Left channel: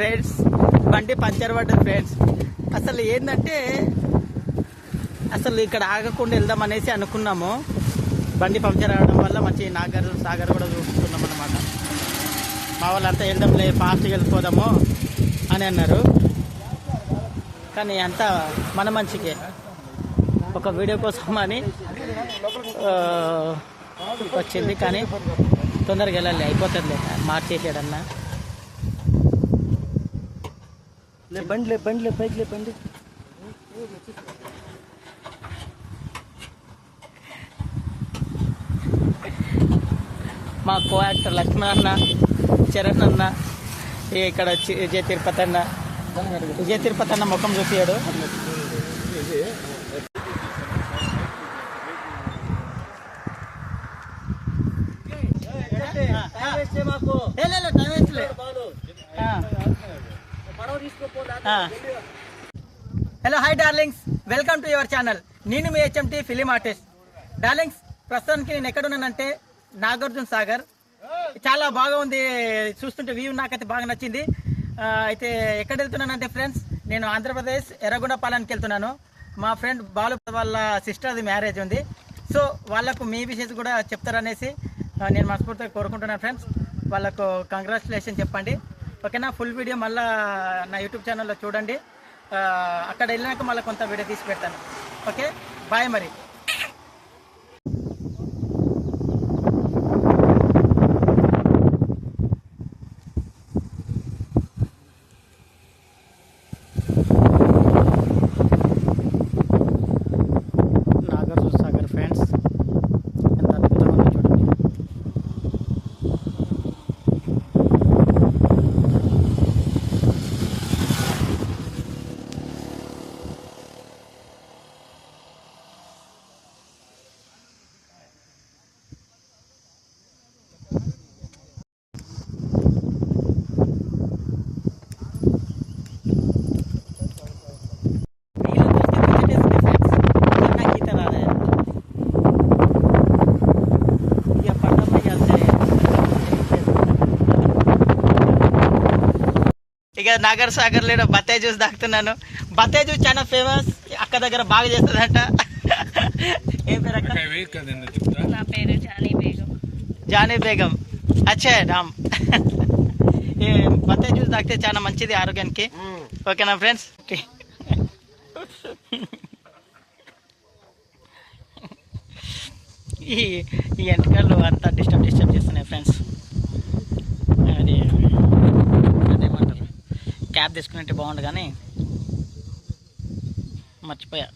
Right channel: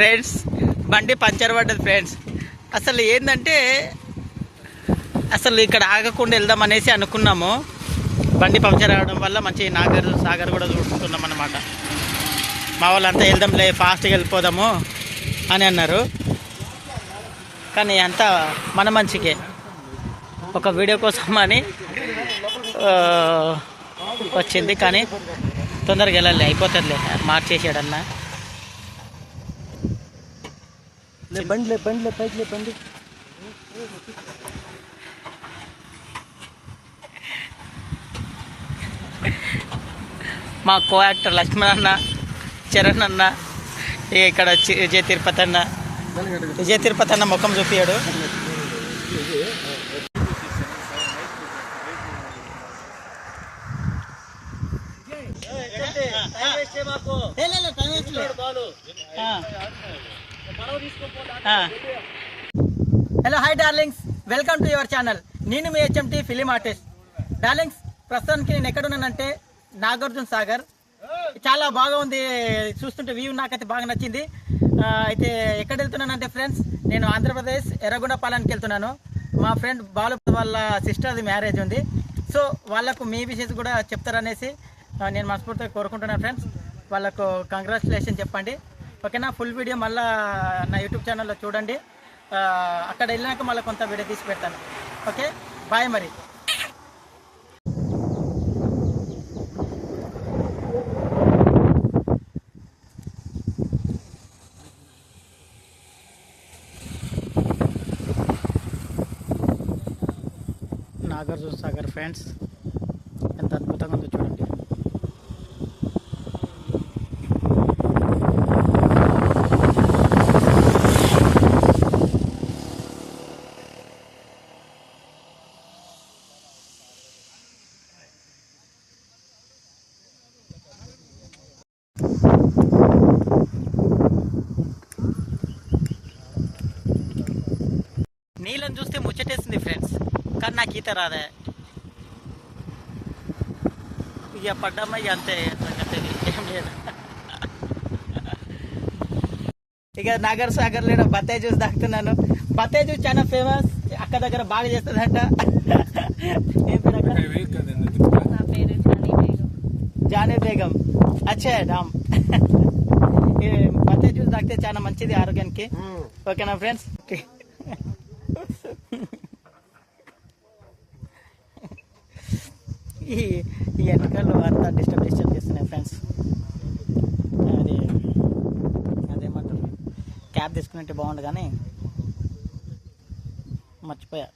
Friends. బండి puncture పడ్డది friends. అసలు ఏంటంటే అసలు ఇక్కడ ఆగకుండా వెళ్దాం అనేసి అనుకున్నాము. బండి పంచర్ అవడం వల్ల మంచి నాగర్ సాగర్ కూడా చూస్తున్నాం అనమాట మా వాళ్ళంతా వెళ్దాంలే ఫాస్ట్గా వెళ్ళిపోదాము అని అన్నారు. కానీ అంతా మన మంచికే. ఒక వీడియో కోసం అని వచ్చింది. కానీ తొందరగా వెళ్ళాలి అయిపోతుందిలే మార్చేసాడన్నా బండిలే బండిలే పైకిలే బండి మా కో యాక్టర్ లక్ష్మణ్ అన్న చరణ్ అన్న ఇక ఇక్కడ చి- విజయ్ తిరుపతి అన్న విజయ్ తిరుపతి అన్న ముఖం చూపించాడు hello hi darlings welcome to your channel నేను మీ హెచ్ఎంటి ఫిలిం ఆర్టిస్ట్ డార్లింగ్స్ ప్రస్తుతానికి నేను ఎక్కడున్నానంటే నాగార్జున సాగర్. చాలా బాగా ఉంది చూస్తుంటే వ్యూ నాకైతే బాగా నచ్చింది. అయితే ఎక్కడ వెళ్తున్నానంటే ఫ్రెండ్స్ నేను ఆంధ్రప్రదేశ్ ఎర్రగొండపాలెంకి వెళ్తున్నాను. మా ఫ్రెండ్ బాలు వాళ్ళ సిస్టర్ది మ్యారేజ్ ఉంది. సో వాళ్ళకు మీ విషయస్ కూడా చెప్తారనేసి నేను మనస్ఫూర్తిగా కోరుకుంటున్నాను ఫ్రెండ్స్ వాళ్ళకు కంగ్రాచులేషన్ చెప్పండి. ఓకేనా? ఫుల్ వీడియో మళ్ళీ నా యూట్యూబ్ ఛానల్లో చూడండి. అక్కడ వెళ్ళినాక మళ్ళీ కొంత వీడియో తీసి పెడతాను. ఓకే? బాయ్ మరి. నాగార్జున సాగర్ ఫ్రెండ్స్ ఎంత అద్భుతంగా ఉందో చూడండి నీళ్ళని చూస్తే ముచ్చటేస్తుంది ఫ్రెండ్స్ కానీ నాకు ఈత రాదే. ఇక పడ్డమ్మ ఇక అంతే. ఏం లేదు. ఇక నాగర్ సాగర్ లేడు బత్తాయి జ్యూస్ తాగుతున్నాను. బత్తాయి జ్యూస్ చాలా ఫేమస్ అక్క దగ్గర బాగా చేస్తుందంట. ఏం పేరు అక్క? నా పేరు జానీ బేగం. జానీ బేగం. అచ్చే రామ్. ఈ బత్తాయి జ్యూస్ తాగితే చాలా మంచిది ఆరోగ్యానికి. ఓకేనా ఫ్రెండ్స్? ఓకే. ఈ ఈ ఎంటకలు అంతా డిస్టర్బ్ డిస్టర్బ్ చేస్తున్నాయి ఫ్రెండ్స్. అది అదేమంటారు? క్యాబ్ తీసుకున్నట్టు బాగుండు కానీ మర్చిపోయా.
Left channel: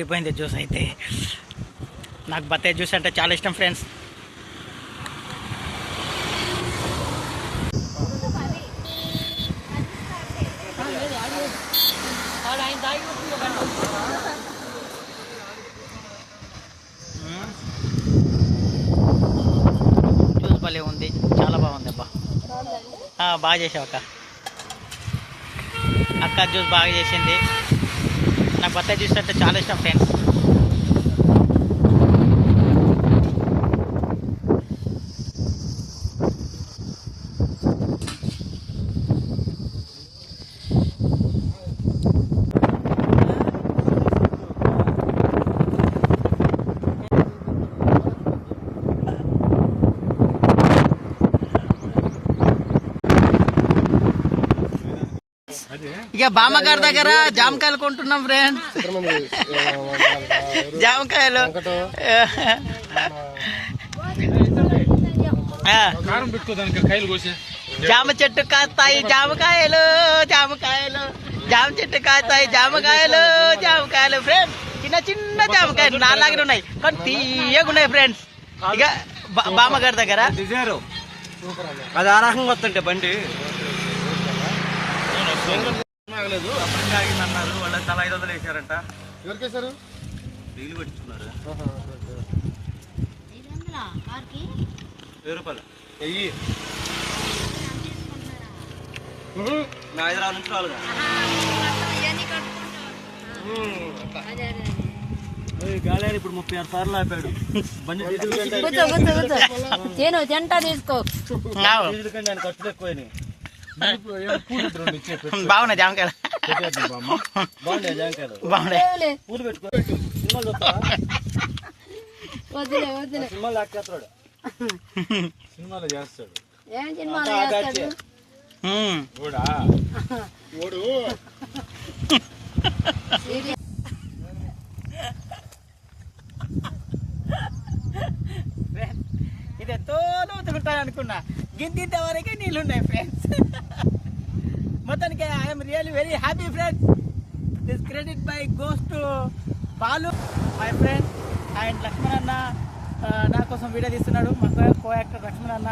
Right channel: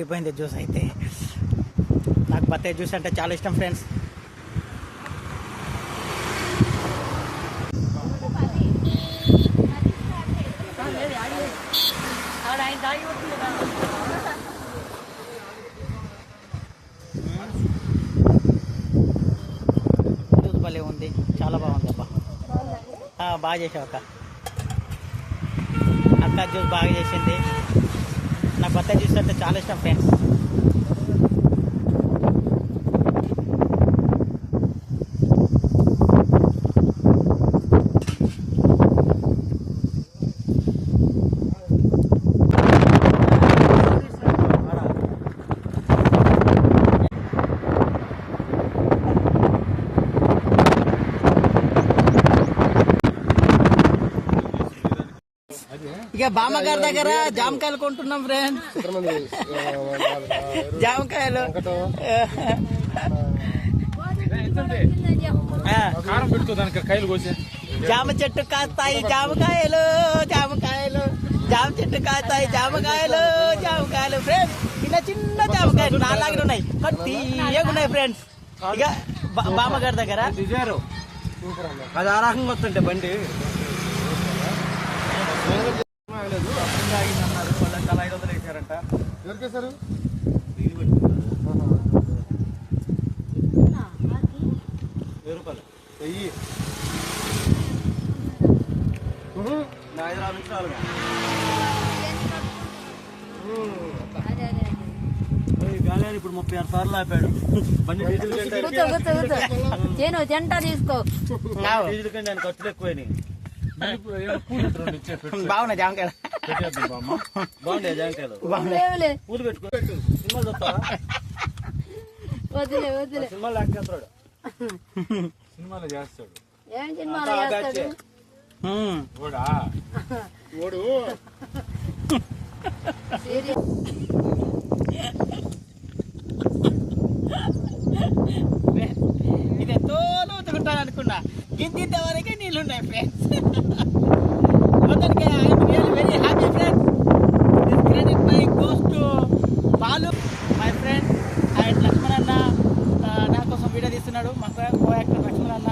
అద్దరిపోయింది జ్యూస్ అయితే. నాకు బత్తాయి జ్యూస్ అంటే చాలా ఇష్టం ఫ్రెండ్స్. జ్యూస్ భలే ఉంది. చాలా బాగుంది అబ్బా. బాగా చేసావు అక్క. అక్క జ్యూస్ బాగా చేసింది. నాకు బత్తాయి జ్యూస్ అంటే చాలా ఇష్టం ఫ్రెండ్స్ ఇక బామ్మగారి దగ్గర జామకాయలు కొంటున్నాం ఫ్రెండ్స్ జామకాయలు. జామ చెట్టు కాస్తాయి జామకాయలు జామకాయలు. జామ చెట్టు కాస్తాయి జామకాయలు జామకాయలు. ఫ్రెండ్స్ చిన్న చిన్న జామకాయలు నాలాగే ఉన్నాయి. కానీ తీయగా ఉన్నాయి ఫ్రెండ్స్ ఇక బా- బామ్మగారి దగ్గర. అది ఆ రకంగా వస్తుంటే బండి. ఆగలేదు అప్పుడు ఆగింది అన్నారు వాళ్ళ తల ఐదు వందలు వేసారంట ఎవరికేసారు డీజిల్ పెట్టుకున్నారు వెయ్యి రూపాయలు వెయ్యి నా హైదరాబాద్ నుంచి రాలుగా గాలి ఇప్పుడు ముప్పై ఆరు సార్లు ఆపాడు బండి తీసుకో ఆయన ఖర్చులు ఎక్కువని బాగున్నాయి జామకాయలు బాగుండే బాగున్నాయి లేవులే. పూలు పెట్టుకో సినిమాలు చేస్తాడు ఏం చేస్తాడు సీరియస్. ఇది లోతుకుంటాను అనుకున్నా గింత వరకే నీళ్ళు ఉన్నాయి ఫ్రెండ్స్ మొత్తానికి I'm really very happy friends this credit my goes to Balu my friend and Lakshman అన్న నా కోసం వీడియో తీస్తున్నాడు. మా కో యాక్టర్ లక్ష్మణ్ అన్న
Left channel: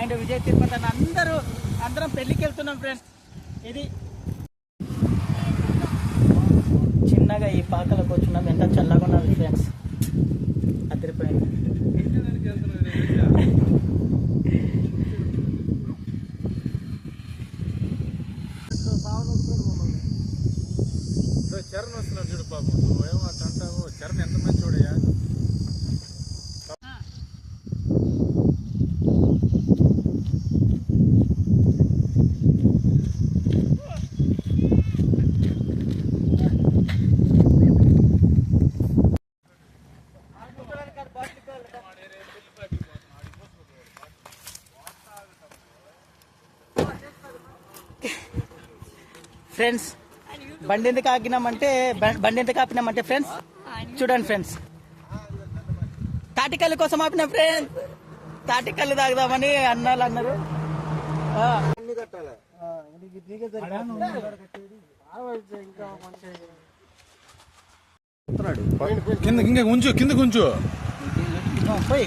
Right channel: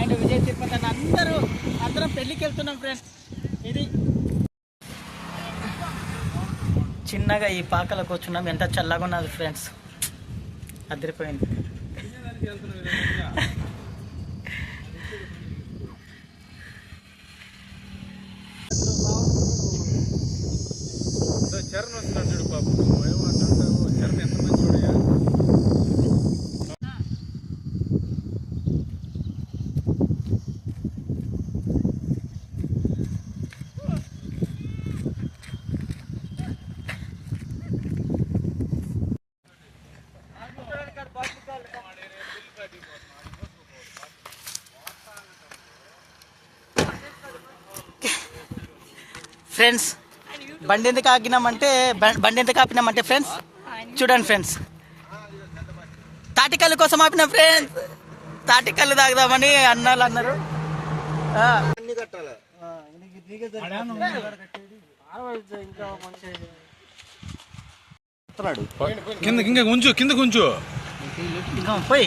అండ్ విజయ్ తిరుపతి అన్న అందరూ అందరం పెళ్ళికి వెళ్తున్నాం ఫ్రెండ్స్ ఇది చిన్నగా ఈ పాకలకు వచ్చున్నాం ఎంత చల్లగా ఉన్నది ఫ్రెండ్స్ అదిరిపోయింది. చరణ్ వస్తున్నాడు చూడు పాపం నువ్వేమో అట్లా అంటావు చరణ్ ఎంత ఫ్రెండ్స్ బండి ఎందుకు ఆగినామంటే బండి ఎందుకు ఆపినామంటే ఫ్రెండ్స్ చూడండి ఫ్రెండ్స్. తాటికల్లు కోసం ఆపిన ఫ్రెండ్స్. తాటికల్లు తాగుదామని అన్నాళ్ళు అన్నారు. కింద ఇంకా ఉంచు కింద ఉంచు. పోయి.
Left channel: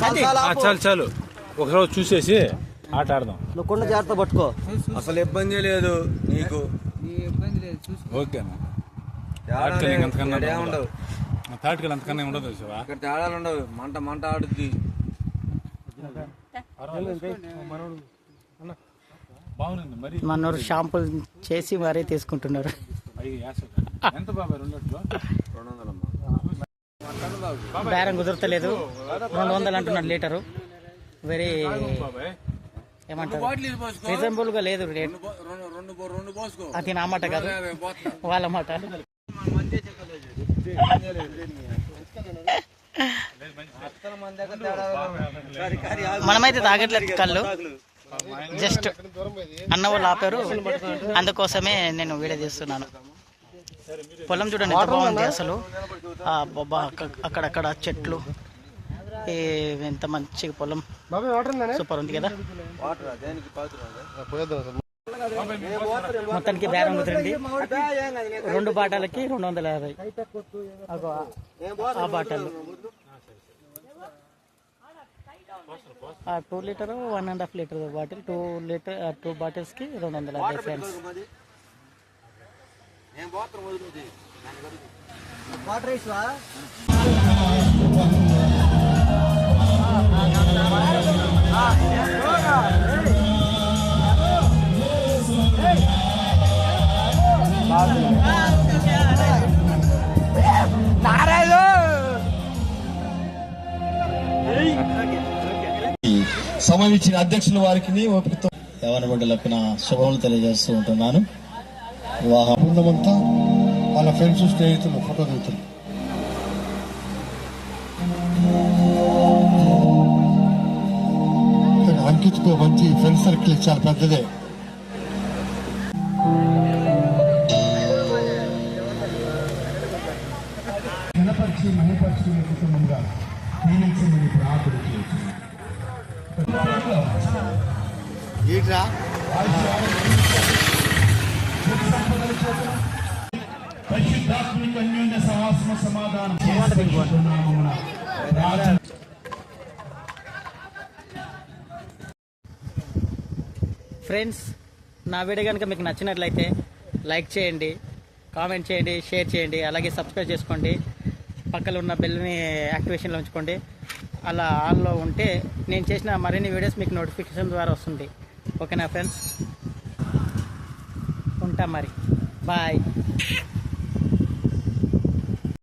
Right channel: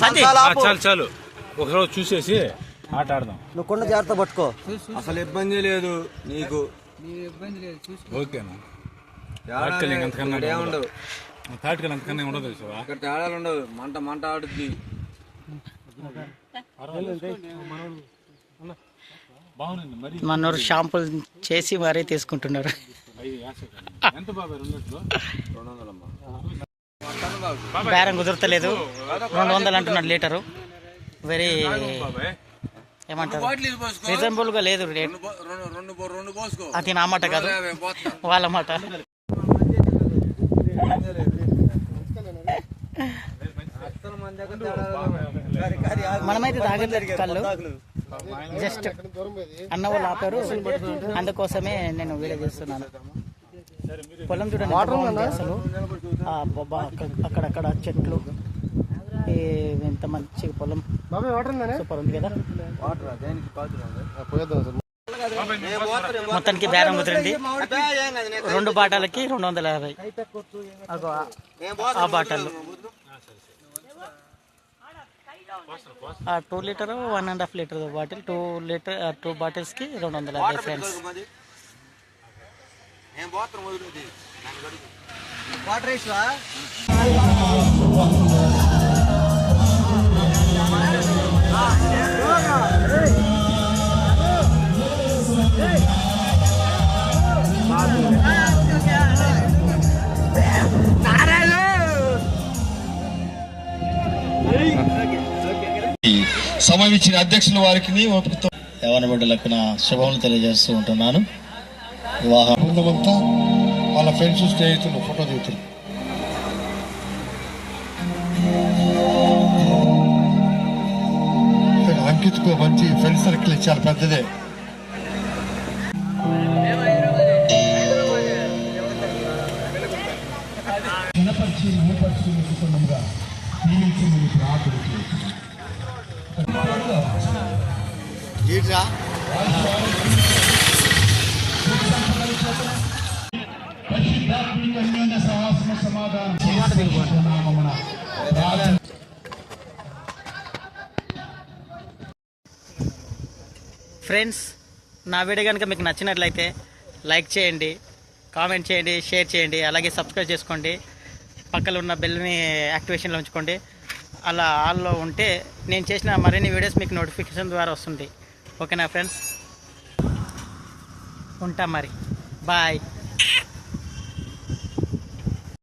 చాలు చాలు. ఒకరోజు చూసేసి ఆట ఆడదాం నువ్వు కొండ జాగ్రత్త పట్టుకో. అసలు ఇబ్బంది లేదు నీకు. ఓకేనా ఉండవు. తాటికల్ ఉండదు చూసావా? అక్కడ తేడాలు ఉండవు. మంట మంట ఆడుద్ది. మనోరు షాంపుల్ చేసి మరీ తీసుకుంటున్నారు. బేరం కుదరతలేదు. రెండు వందలు అంటున్నాడు లీటరు. వెరీ బాబాయ్. ఏమంటారు? రీజనబుల్గా లేదు రేట్. అది నా మాట కాదు. వాళ్ళ మాట. మనమైతే తాగట్లేదు కళ్ళు. జస్ట్ అన్న వాళ్ళు ఆపారు. అందుకోసమే నేను వీడియో తీస్తున్నాను. పొలం చూడండి ఎంత బాగుంది అసలు. అక్కడక్కడ చెట్లు. ఎంత మంచిగా పొలం. సూపర్ ఉంది కదా. మొత్తానికి బేరం కుదిరింది. రెండు బాటాలకి రెండు వందల యాభై ఆ బాటలు ఆ two litre one and half litre bottle two litre two బాటిల్స్కి రెండు వందల యాభై ఫ్రెండ్స్ వాటర్ సమవిచ్చిన అధ్యక్షుల వారికి ఓపికతో యవన బిడ్డలకు శుభములు తెలియజేస్తూ ఉంటున్నాను. వివాహం బృందమంతా వాళ్ళ ఫ్రెండ్స్ స్నేహితులు ఫోటో దిగుతారు అంకిత్కు మంచి ఫ్రెండ్ సర్కిల్ ఇచ్చారు పెద్దదే. ప్రార్థన పరిశుద్ధాత్మకమైన సమాధానం ఫ్రెండ్స్ నా వీడియో కనుక మీకు నచ్చినట్లయితే లైక్ చేయండి కామెంట్ చేయండి షేర్ చేయండి అలాగే సబ్స్క్రైబ్ చేసుకోండి. పక్కన ఉన్న బెల్ని యాక్టివేషన్లో ఉంచుకోండి. అలా ఆన్లో ఉంటే నేను చేసిన మరిన్ని వీడియోస్ మీకు నోటిఫికేషన్ ద్వారా వస్తుంది. ఓకేనా ఫ్రెండ్స్? ఉంటా మరి. బాయ్.